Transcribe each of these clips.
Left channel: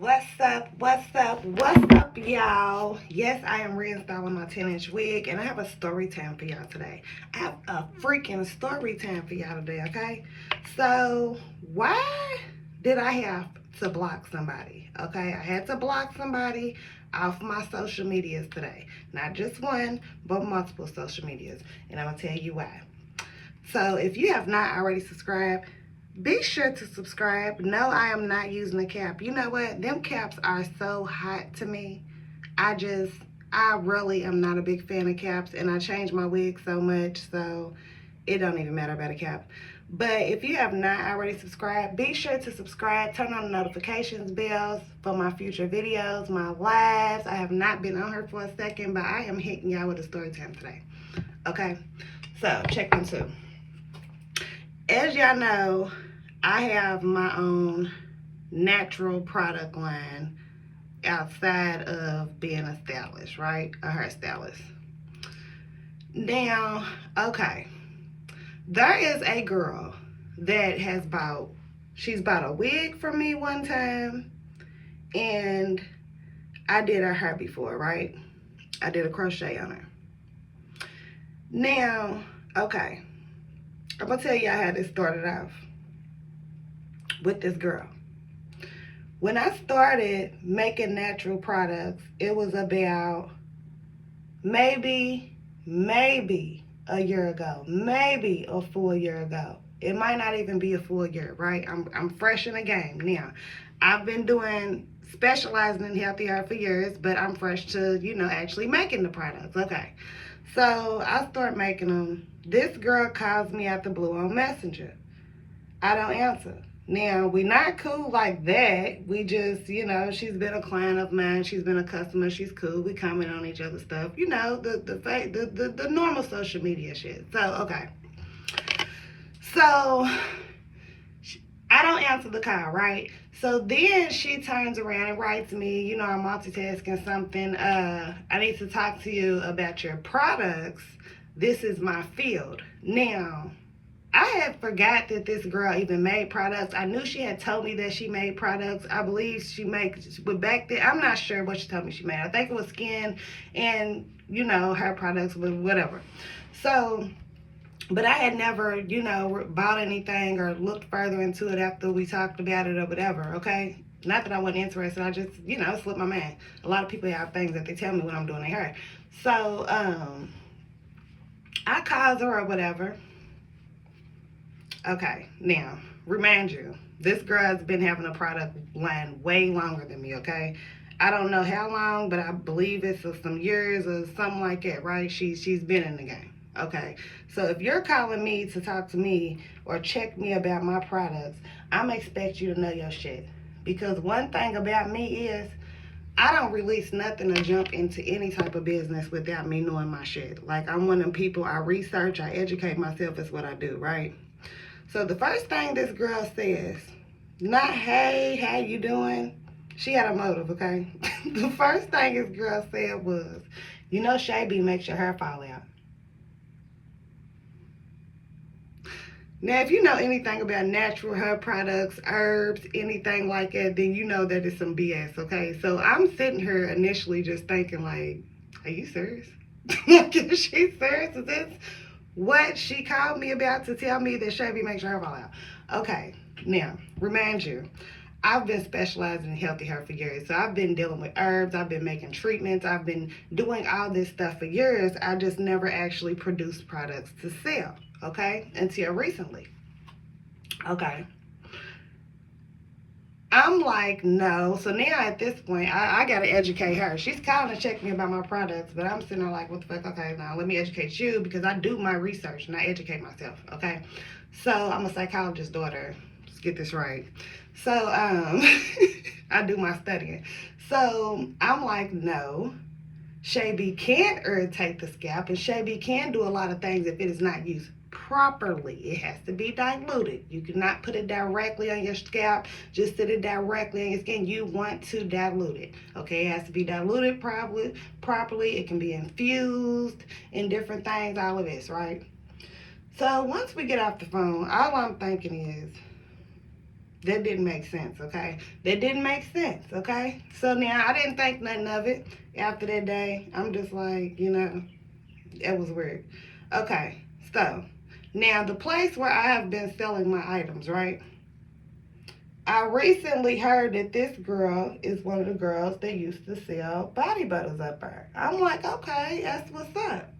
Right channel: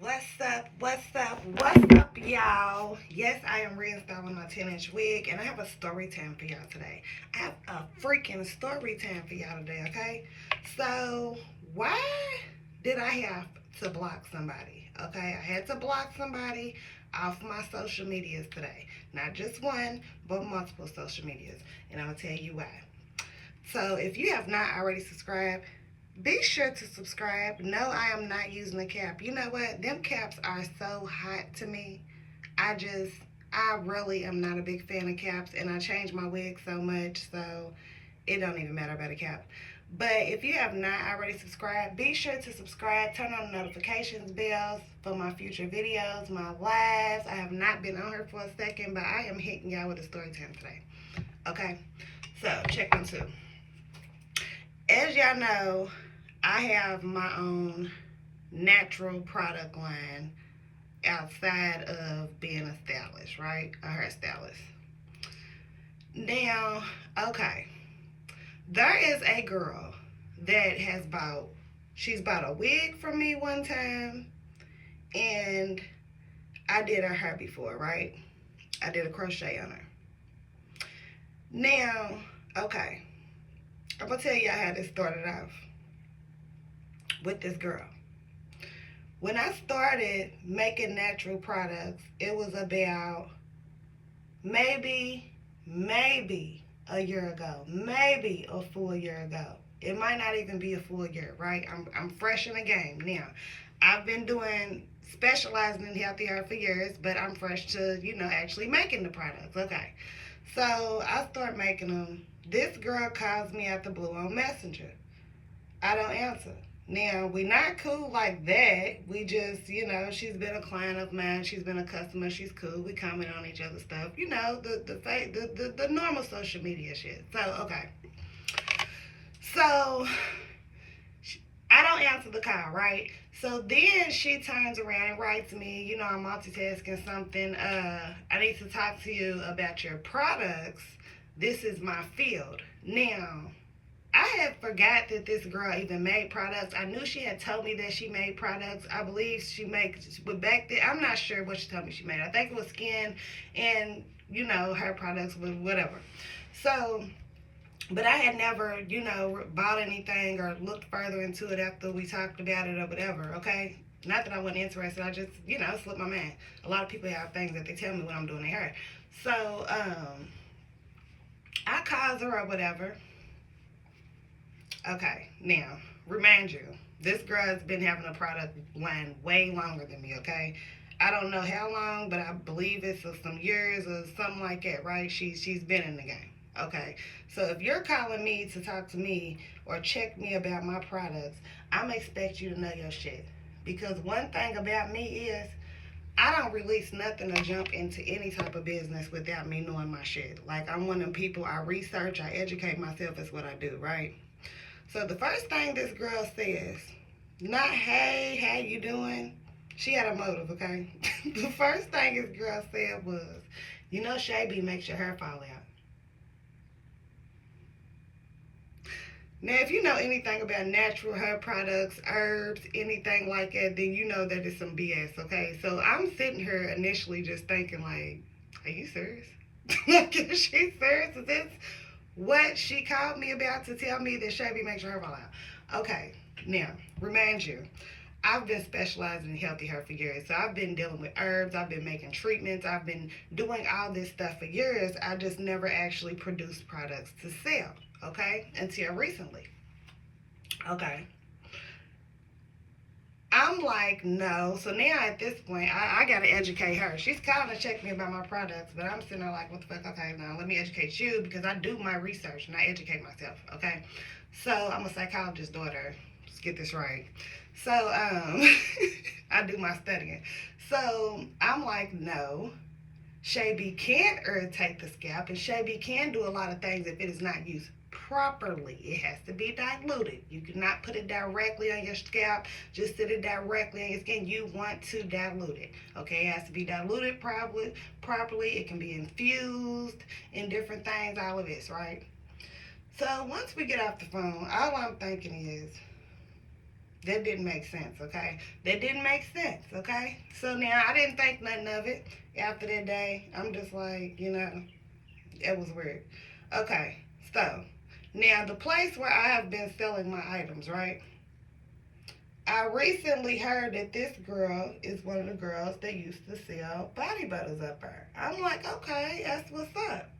What's up? What's up, y'all? Yes, I am reinstalling my 10-inch wig, and I have a story time for y'all today. I have a freaking story time for y'all today, okay? So, why did I have to block somebody? Okay, I had to block somebody off my social medias today. Not just one, but multiple social medias, and I'm gonna tell you why. So, if you have not already subscribed, be sure to subscribe. No, I am not using a cap. You know what? Them caps are so hot to me. I just, I really am not a big fan of caps, and I change my wig so much, so it don't even matter about a cap. But if you have not already subscribed, be sure to subscribe. Turn on the notifications bells for my future videos, my lives. I have not been on here for a second, but I am hitting y'all with a story time today. Okay? So, check one, two. As y'all know, I have my own natural product line outside of being a stylist, right? A hairstylist. Now, okay, there is a girl that she's bought a wig from me one time, and I did her hair before, right? I did a crochet on her. Now, okay, I'm gonna tell you how this started off with this girl. When I started making natural products, it was about maybe a year ago, maybe a full year ago. It might not even be a full year, right? I'm fresh in the game now. I've been specializing in healthy hair for years, but I'm fresh to, actually making the products. Okay. So I start making them. This girl calls me out the blue on Messenger. I don't answer. Now, we not cool like that. We just, she's been a client of mine. She's been a customer. She's cool. We comment on each other's stuff. The normal social media shit. So, okay. So, I don't answer the call, right? So then she turns around and writes me, I'm multitasking something. I need to talk to you about your products. This is my field. Now, I had forgot that this girl even made products. I knew she had told me that she made products. I believe she makes, but back then, I'm not sure what she told me she made. I think it was skin and, her products, whatever. So, but I had never, bought anything or looked further into it after we talked about it or whatever, okay? Not that I wasn't interested. I just, slipped my mind. A lot of people have things that they tell me when I'm doing their hair. So, I called her or whatever. Okay, now, remind you, this girl has been having a product line way longer than me, okay? I don't know how long, but I believe it's some years or something like that, right? She's been in the game, okay? So if you're calling me to talk to me or check me about my products, I'm expect you to know your shit. Because one thing about me is, I don't release nothing or jump into any type of business without me knowing my shit. Like, I'm one of them people, I research, I educate myself is what I do, right? So the first thing this girl says, not, hey, how you doing? She had a motive, okay? The first thing this girl said was, Shay B makes your hair fall out. Now, if you know anything about natural hair products, herbs, anything like that, then you know that it's some BS, okay? So I'm sitting here initially just thinking like, are you serious? Like, is she serious? Is this what she called me about to tell me that Shay B makes your hair fall out? Okay, now, remind you, I've been specializing in healthy hair for years. So I've been dealing with herbs, I've been making treatments, I've been doing all this stuff for years. I just never actually produced products to sell, okay? Until recently. Okay. I'm like, no. So now at this point, I got to educate her. She's calling to check me about my products, but I'm sitting there like, what the fuck? Okay, now let me educate you because I do my research and I educate myself, okay? So I'm a psychologist's daughter. Let's get this right. So I do my studying. So I'm like, no. Shay B can irritate the scalp, and Shay B can do a lot of things if it is not used properly. It has to be diluted. You cannot put it directly on your scalp, just sit it directly on your skin. You want to dilute it. Okay, it has to be diluted properly. It can be infused in different things, all of this, right? So once we get off the phone, all I'm thinking is, That didn't make sense, okay? That didn't make sense, okay? So now I didn't think nothing of it after that day. I'm just like, it was weird. Okay, so now the place where I have been selling my items, right? I recently heard that this girl is one of the girls that used to sell body butters up there. I'm like, okay, that's what's up.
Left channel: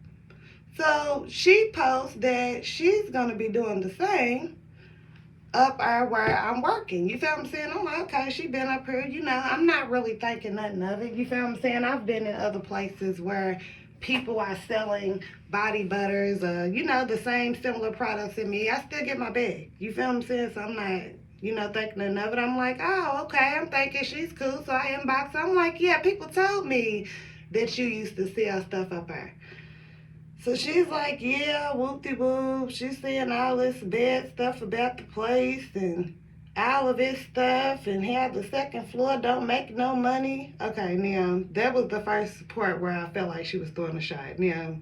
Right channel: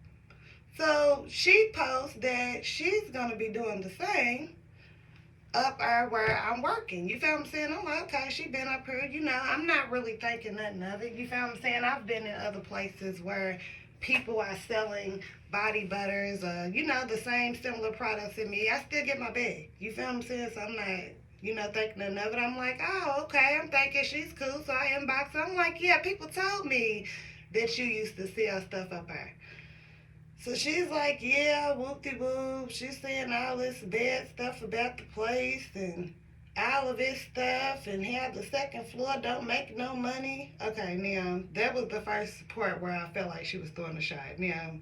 So she posts that she's gonna be doing the same up there where I'm working. You feel what I'm saying? I'm like, okay, she been up here. I'm not really thinking nothing of it. You feel what I'm saying? I've been in other places where people are selling body butters, the same similar products in me. I still get my bag. You feel what I'm saying? So I'm not, thinking nothing of it. I'm like, oh, okay. I'm thinking she's cool. So I inbox her. I'm like, yeah, people told me that you used to sell stuff up there. So she's like, yeah, whoop-de-whoop. She's saying all this bad stuff about the place and all of this stuff and how the second floor don't make no money. Okay, now, that was the first part where I felt like she was throwing a shot. Now,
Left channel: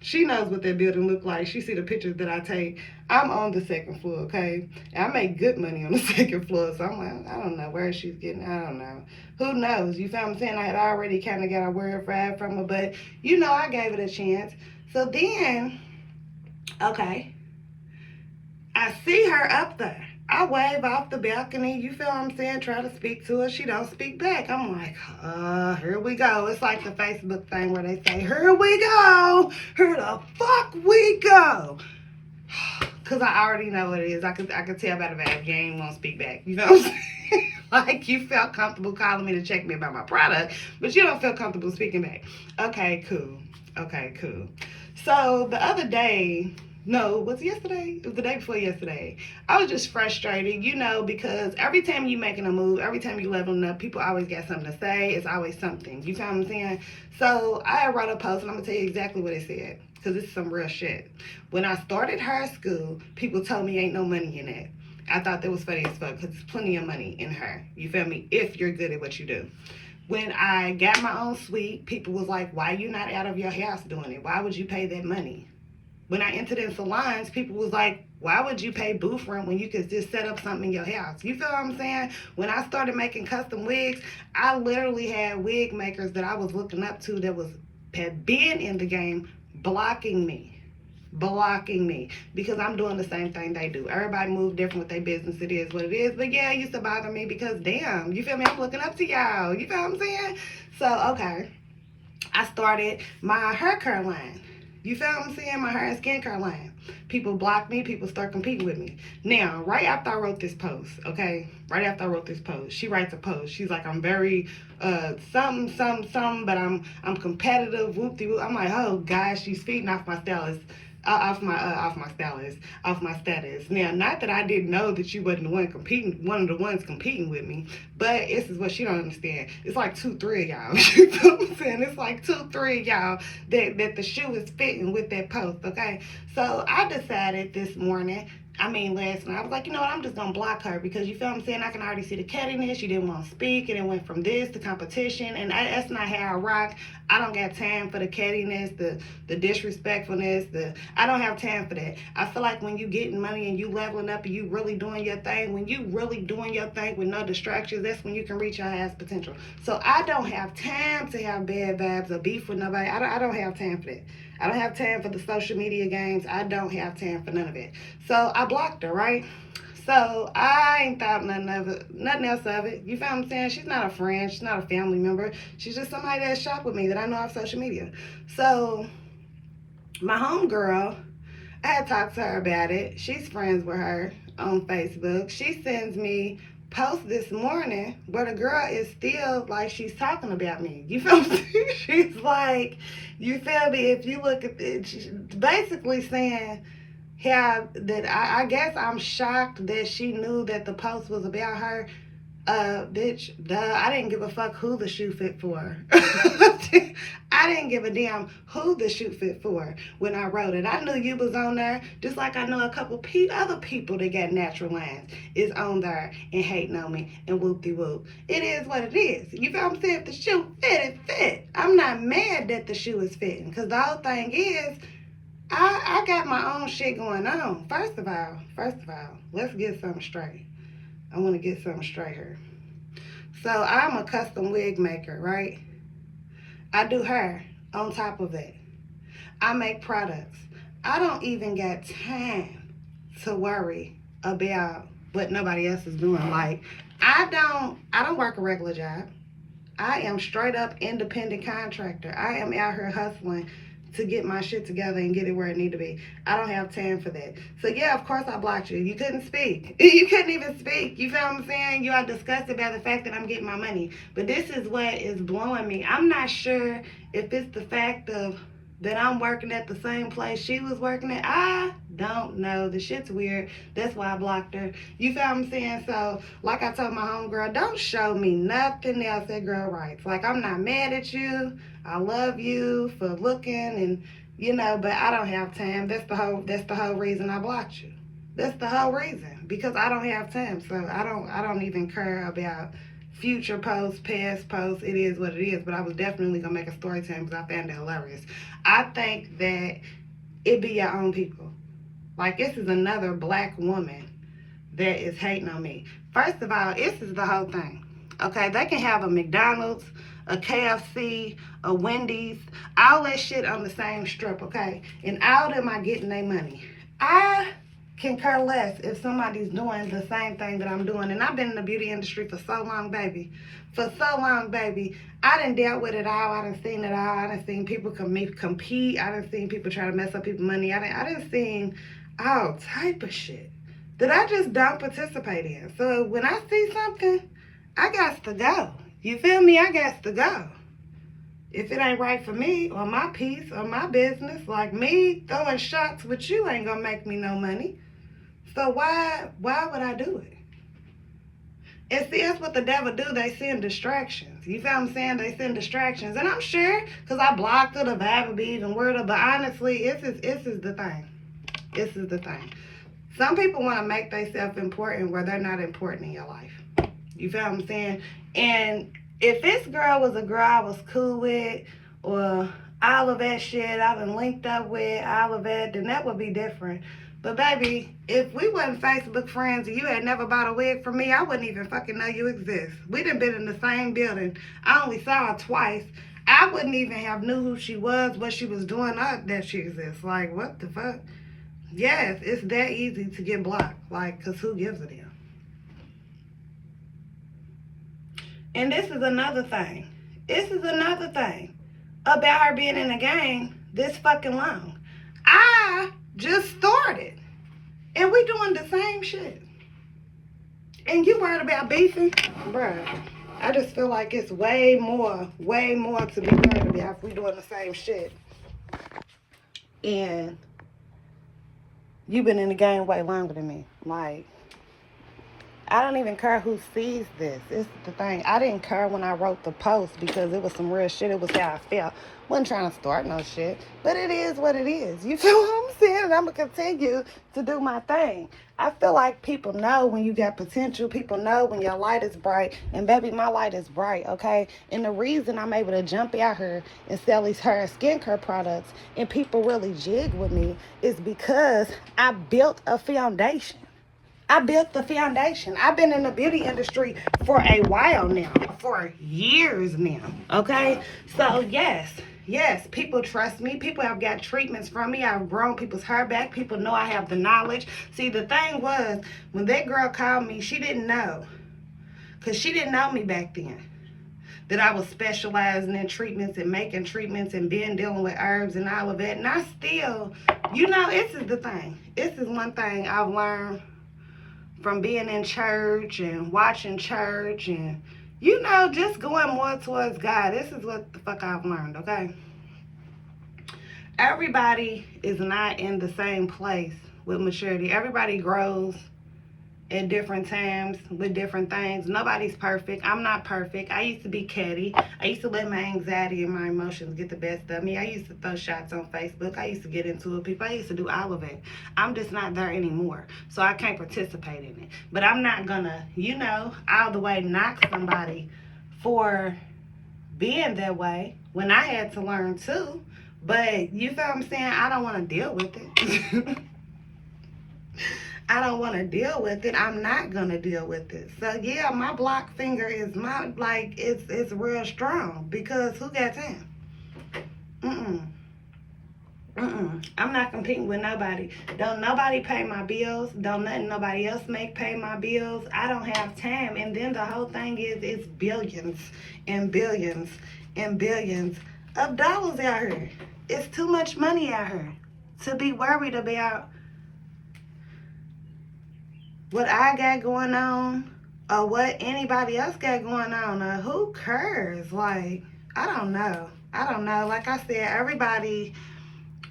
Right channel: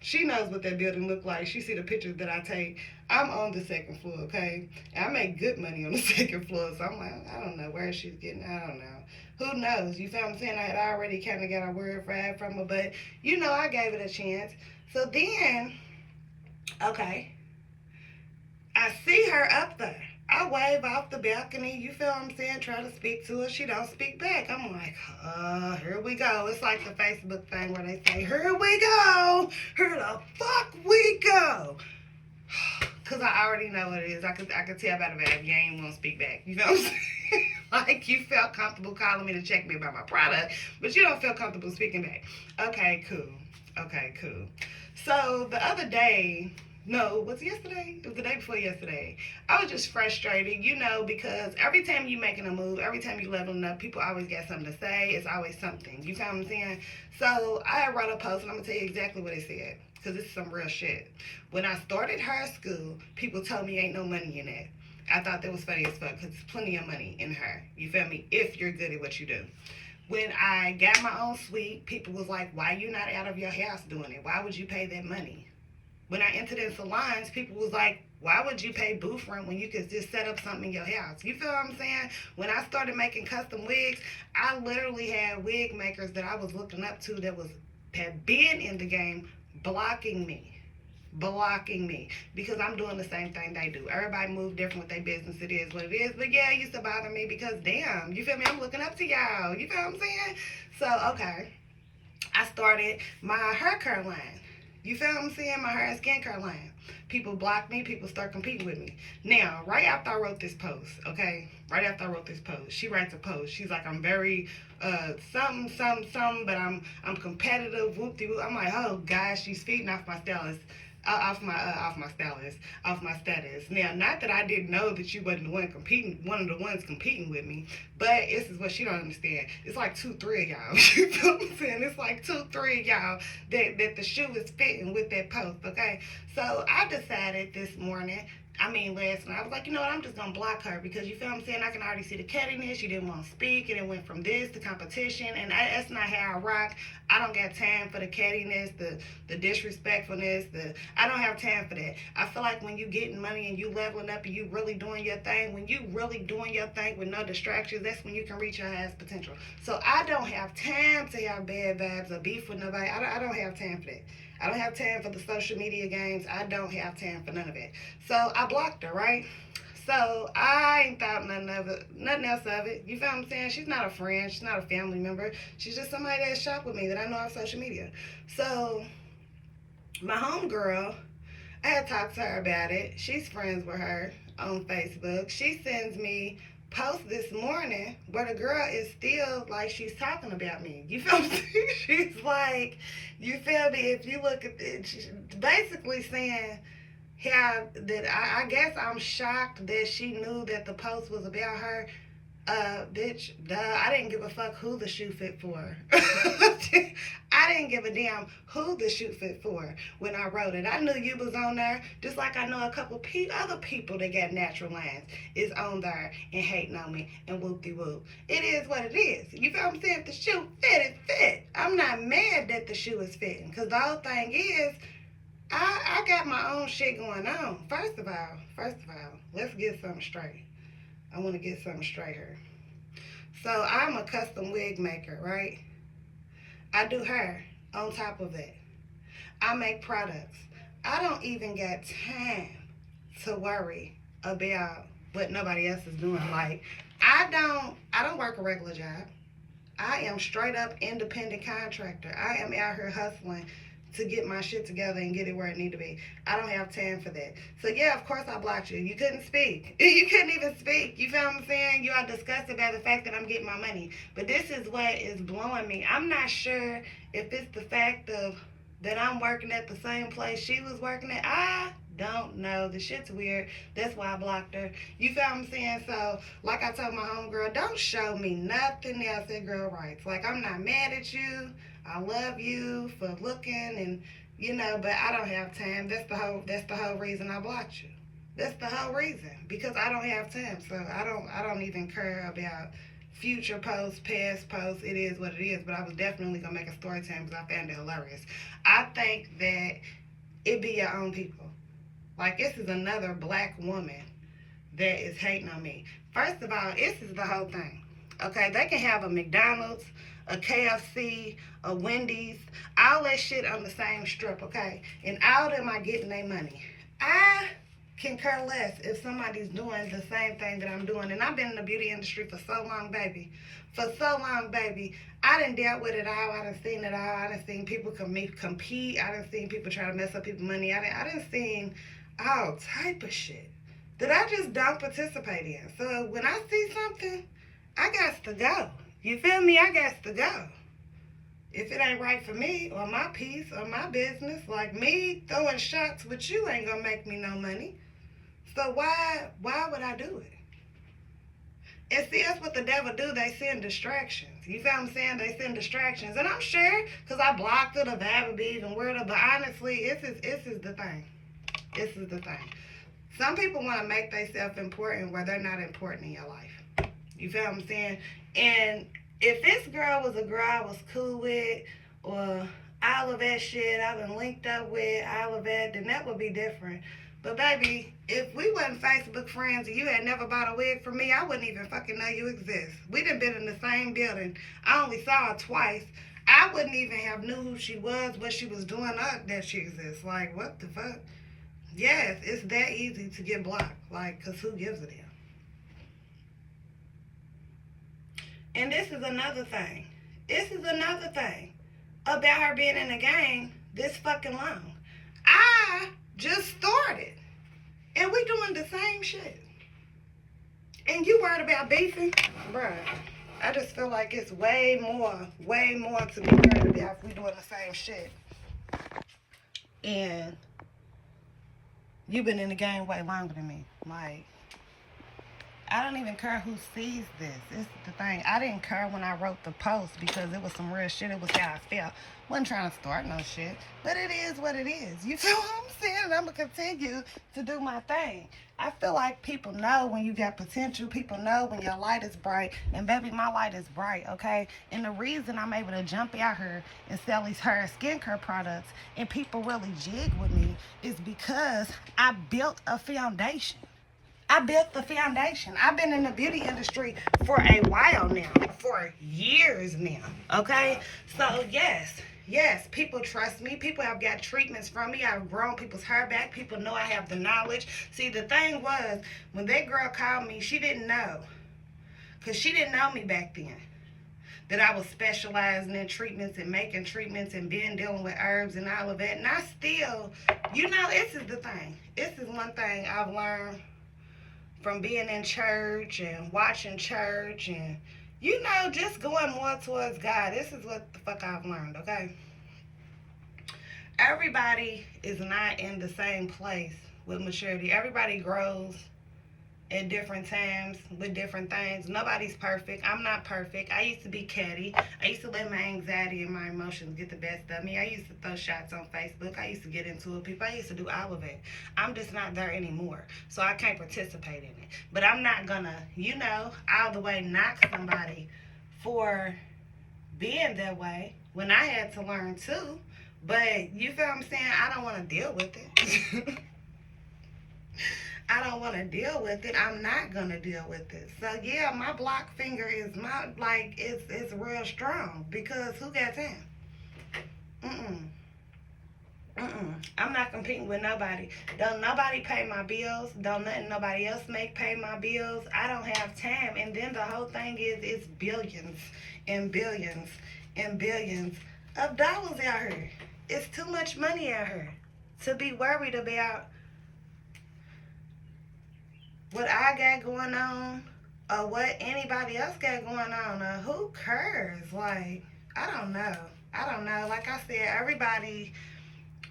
she knows what that building look like. She see the pictures that I take. I'm on the second floor, okay? And I make good money on the second floor, so I'm like, I don't know where she's getting, I don't know. Who knows? You feel what I'm saying? I had already kind of got a word fried from her, but, I gave it a chance. So then, okay, I see her up there. I wave off the balcony, you feel what I'm saying, try to speak to her. She don't speak back. I'm like, here we go. It's like the Facebook thing where they say, here we go. Here the fuck we go. Because I already know what it is. I could tell by the vibe, you ain't want to speak back. You know what I'm saying? Like, you felt comfortable calling me to check me about my product, but you don't feel comfortable speaking back. Okay, cool. So the other day, no, was it yesterday? It was the day before yesterday. I was just frustrated, because every time you making a move, every time you leveling up, people always got something to say. It's always something. You feel what I'm saying? So I wrote a post, and I'm going to tell you exactly what it said, because it's some real shit. When I started her school, people told me ain't no money in it. I thought that was funny as fuck, because there's plenty of money in her. You feel me? If you're good at what you do. When I got my own suite, people was like, why you not out of your house doing it? Why would you pay that money? When I entered in salons, people was like, why would you pay booth rent when you could just set up something in your house? You feel what I'm saying? When I started making custom wigs, I literally had wig makers that I was looking up to that had been in the game blocking me because I'm doing the same thing they do. Everybody moves different with their business. It is what it is. But yeah, it used to bother me because damn, you feel me? I'm looking up to y'all. You feel what I'm saying? So, okay. I started my hair care line. You feel what I'm saying? My hair and skincare line. People block me. People start competing with me. Now, right after I wrote this post, okay? Right after I wrote this post, she writes a post. She's like, I'm very something, but I'm competitive. Whoop-de-whoop. I'm like, oh gosh, she's feeding off my stylist. Off my status. Now, not that I didn't know that you wasn't one of the ones competing with me, but this is what she don't understand. It's like 2-3 of y'all. You know what I'm saying? It's like 2-3 of y'all that the shoe is fitting with that post, okay? So I decided last night, I was like, you know what, I'm just going to block her because you feel what I'm saying? I can already see the cattiness. She didn't want to speak, and it went from this to competition, and that's not how I rock. I don't got time for the cattiness, the disrespectfulness. I don't have time for that. I feel like when you getting money and you leveling up and you really doing your thing, when you really doing your thing with no distractions, that's when you can reach your highest potential. So I don't have time to have bad vibes or beef with nobody. I don't have time for that. I don't have time for the social media games. I don't have time for none of it. So I blocked her, right? So I ain't thought nothing else of it. You feel what I'm saying? She's not a friend. She's not a family member. She's just somebody that shop with me that I know off social media. So my homegirl, I had talked to her about it. She's friends with her on Facebook. She sends me post this morning where the girl is still like she's talking about me. You feel me? She's like, you feel me? If you look at it, she's basically saying how that I guess I'm shocked that she knew that the post was about her. Bitch, I didn't give a fuck who the shoe fit for. I didn't give a damn who the shoe fit for when I wrote it. I knew you was on there, just like I know a couple other people that got natural lines is on there and hating on me and whoop-de-whoop. It is what it is. You feel what I'm saying? If the shoe fit, it fit. I'm not mad that the shoe is fitting, because the whole thing is, I got my own shit going on. First of all, let's get something straight. I want to get something straight here. So I'm a custom wig maker, right? I do hair on top of it. I make products. I don't even got time to worry about what nobody else is doing. Like, I don't work a regular job. I am straight up independent contractor. I am out here hustling to get my shit together and get it where it need to be. I don't have time for that. So yeah, of course I blocked you. You couldn't speak. You couldn't even speak. You feel what I'm saying? You are disgusted by the fact that I'm getting my money. But this is what is blowing me. I'm not sure if it's the fact of that I'm working at the same place she was working at. I don't know. The shit's weird. That's why I blocked her. You feel what I'm saying? So, like I told my homegirl, don't show me nothing else that girl writes. Like, I'm not mad at you. I love you for looking and, you know, but I don't have time. That's the whole reason I blocked you. That's the whole reason. Because I don't have time. So I don't even care about future posts, past posts. It is what it is. But I was definitely gonna make a story time because I found it hilarious. I think that it be your own people. Like, this is another black woman that is hating on me. First of all, this is the whole thing. Okay, they can have a McDonald's, a KFC, a Wendy's, all that shit on the same strip, okay? And all of them are getting their money. I can care less if somebody's doing the same thing that I'm doing. And I've been in the beauty industry for so long, baby. For so long, baby. I done dealt with it all. I done seen it all. I done seen people compete. I done seen people try to mess up people's money. I done seen all type of shit that I just don't participate in. So when I see something, I got to go. You feel me? I got to go. If it ain't right for me or my piece or my business, like me throwing shots with you ain't gonna make me no money. So why would I do it? And see, that's what the devil do. They send distractions. You feel what I'm saying? They send distractions. And I'm sure, because I blocked her, the vibe would be even weirder. But honestly, this is the thing. This is the thing. Some people want to make themselves important where they're not important in your life. You feel what I'm saying? And if this girl was a girl I was cool with, or all of that shit I done linked up with, all of that, then that would be different. But baby, if we wasn't Facebook friends and you had never bought a wig from me, I wouldn't even fucking know you exist. We done been in the same building. I only saw her twice. I wouldn't even have knew who she was, what she was doing, or that she exists. Like, what the fuck? Yes, it's that easy to get blocked. Like, because who gives a damn? And this is another thing. This is another thing about her being in the game this fucking long. I just started. And we doing the same shit. And you worried about beefing? Bruh, I just feel like it's way more to be worried about if we doing the same shit. And you've been in the game way longer than me. Like, I don't even care who sees this. This is the thing. I didn't care when I wrote the post because it was some real shit. It was how I felt. Wasn't trying to start no shit. But it is what it is. You feel what I'm saying? I'm going to continue to do my thing. I feel like people know when you got potential. People know when your light is bright. And baby, my light is bright, okay? And the reason I'm able to jump out here and sell these hair and skincare products and people really jig with me is because I built a foundation. I built the foundation. I've been in the beauty industry for a while now, for years now, okay? So yes, people trust me. People have got treatments from me. I've grown people's hair back. People know I have the knowledge. See, the thing was, when that girl called me, she didn't know, because she didn't know me back then, that I was specializing in treatments and making treatments and being dealing with herbs and all of that. And I still, you know, this is the thing. This is one thing I've learned from being in church and watching church and, you know, just going more towards God. This is what the fuck I've learned, okay? Everybody is not in the same place with maturity. Everybody grows at different times with different things. Nobody's perfect. I'm not perfect. I used to be catty. I used to let my anxiety and my emotions get the best of me. I used to throw shots on Facebook. I used to get into it with people. I used to do all of it. I'm just not there anymore. So I can't participate in it. But I'm not gonna, you know, all the way knock somebody for being that way when I had to learn too. But you feel what I'm saying? I don't want to deal with it. I don't want to deal with it, I'm not going to deal with it. So, yeah, my block finger is it's real strong because who got time? I'm not competing with nobody. Don't nobody pay my bills. Don't nothing nobody else pay my bills. I don't have time. And then the whole thing is it's billions and billions and billions of dollars out here. It's too much money out here to be worried about what I got going on or what anybody else got going on. Or who cares? Like, I don't know. Like I said, everybody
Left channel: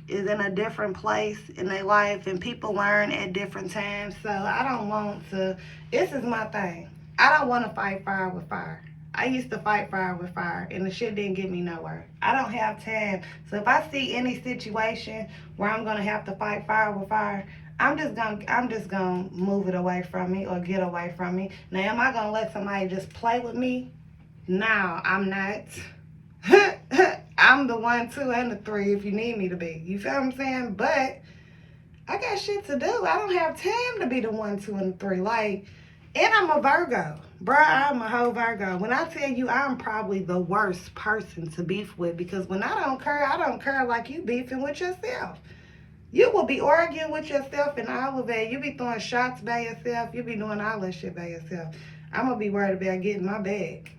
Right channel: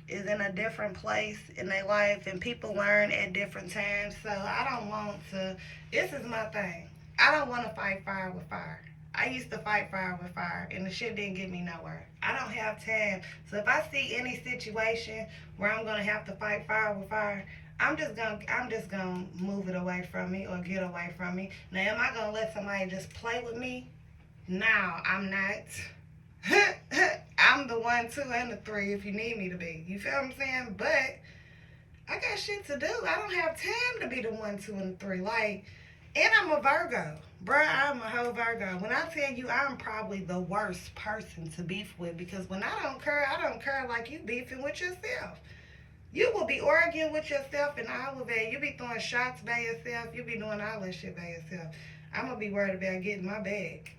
is in a different place in their life and people learn at different times. So I don't want to, this is my thing. I don't want to fight fire with fire. I used to fight fire with fire and the shit didn't get me nowhere. I don't have time. So if I see any situation where I'm going to have to fight fire with fire, I'm just gonna move it away from me or get away from me. Now, am I going to let somebody just play with me? No, I'm not. I'm the 1, 2, and the 3 if you need me to be. You feel what I'm saying? But I got shit to do. I don't have time to be the 1, 2, and the 3. Like, and I'm a Virgo. Bruh, I'm a whole Virgo. When I tell you I'm probably the worst person to beef with because when I don't care like you beefing with yourself. You will be arguing with yourself and all of that. You be throwing shots by yourself. You be doing all that shit by yourself. I'm going to be worried about getting my bag.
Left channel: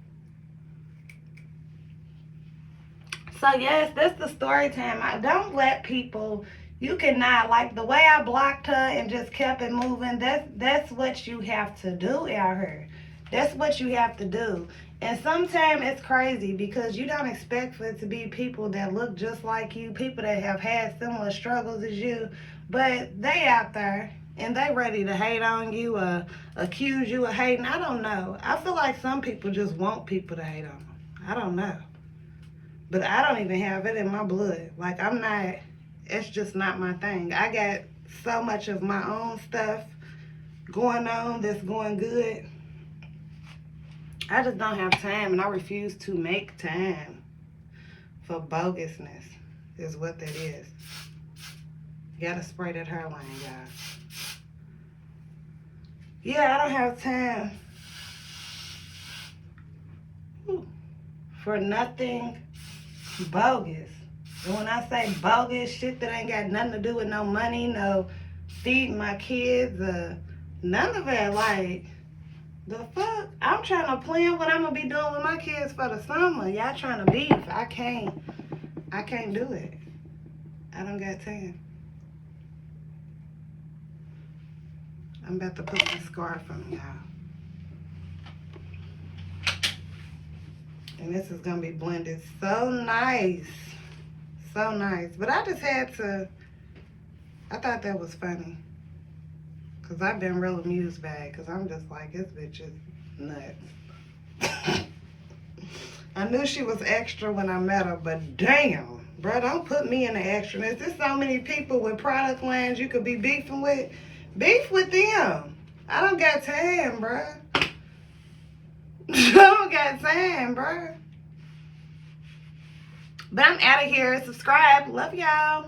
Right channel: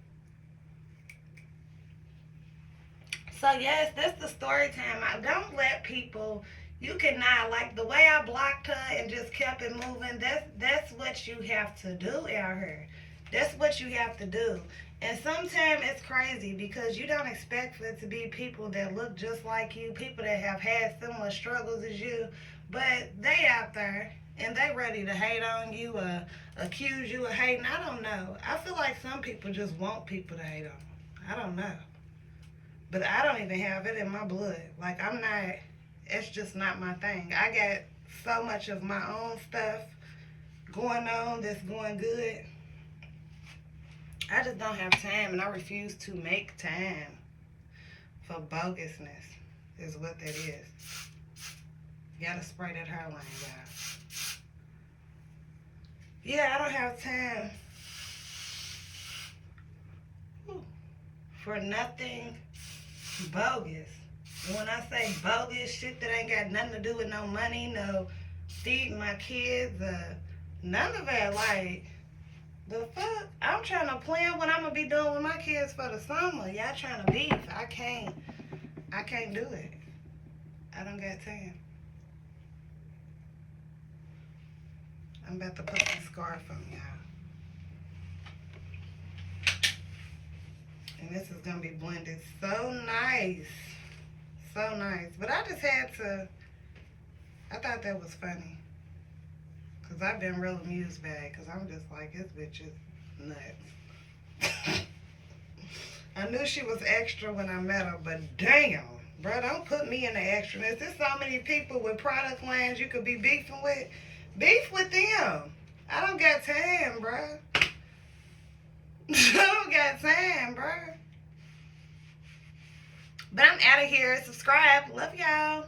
So, yes, that's the story time. I don't let people, you cannot, like the way I blocked her and just kept it moving, that's what you have to do out here. That's what you have to do. And sometimes it's crazy because you don't expect for it to be people that look just like you, people that have had similar struggles as you, but they out there and they ready to hate on you or accuse you of hating. I don't know. I feel like some people just want people to hate on them. I don't know. But I don't even have it in my blood. Like, I'm not, it's just not my thing. I got so much of my own stuff going on that's going good. I just don't have time, and I refuse to make time for bogusness, is what that is. You gotta spray that hairline, guys. Yeah, I don't have time for nothing bogus. And when I say bogus, shit that ain't got nothing to do with no money, no feeding my kids, none of it. Like, the fuck? I'm trying to plan what I'm gonna be doing with my kids for the summer. Y'all trying to beef. I can't do it. I don't got time. I'm about to put my scarf on, y'all. And this is gonna be blended so nice. So nice. But I just had to, I thought that was funny. Because I've been real amused by it. Because I'm just like, this bitch is nuts. I knew she was extra when I met her, but damn, bro, don't put me in the extraness. There's so many people with product lines you could be beefing with. Beef with them. I don't got time, bro. I don't got time, bro. But I'm out of here. Subscribe. Love y'all.